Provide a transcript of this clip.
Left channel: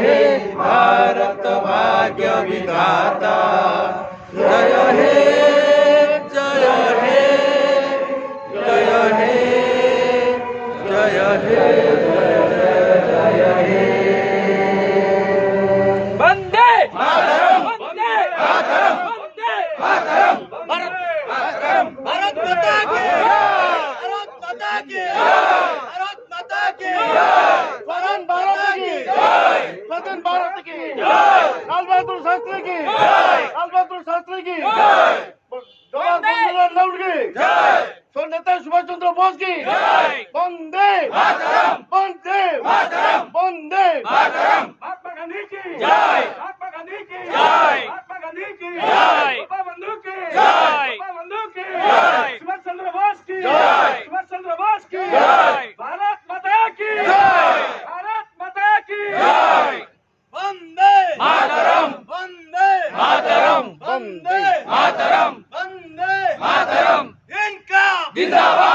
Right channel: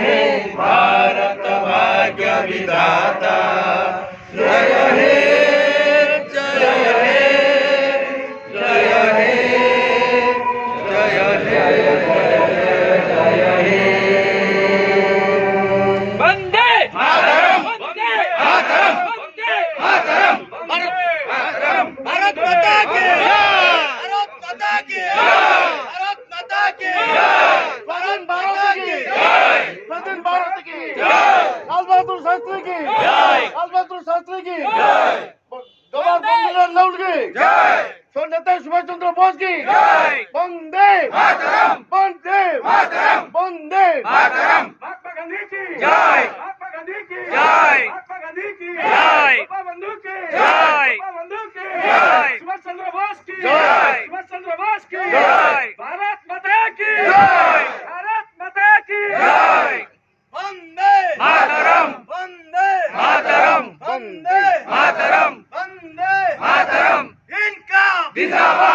हे भारत भाग्य विधाता, जय हे जय हे जय हे जय हे जय हे। वंदे मातरम, वंदे मातरम, वंदे मातरम, भारत माता की जय, भारत माता की जय, भारत माता की जय, स्वतंत्र भारत की जय, स्वतंत्र भारत की जय, लाल बहादुर शास्त्री की जय, लाल बहादुर शास्त्री की जय, जवाहरलाल नेहरू की जय, नेताजी सुभाष चंद्र बोस की जय, वंदे मातरम, वंदे मातरम, वंदे मातरम, महात्मा गांधी की जय, महात्मा गांधी की जय, महात्मा गांधी की जय, बंधु की जय, बंधु की जय, सुभाष चंद्र बोस की जय, सुभाष चंद्र बोस की जय, भारत माता की जय, भारत माता की जय, वंदे मातरम, वंदे मातरम, वंदे मातरम, वंदे मातरम, इनका जिंदाबाद।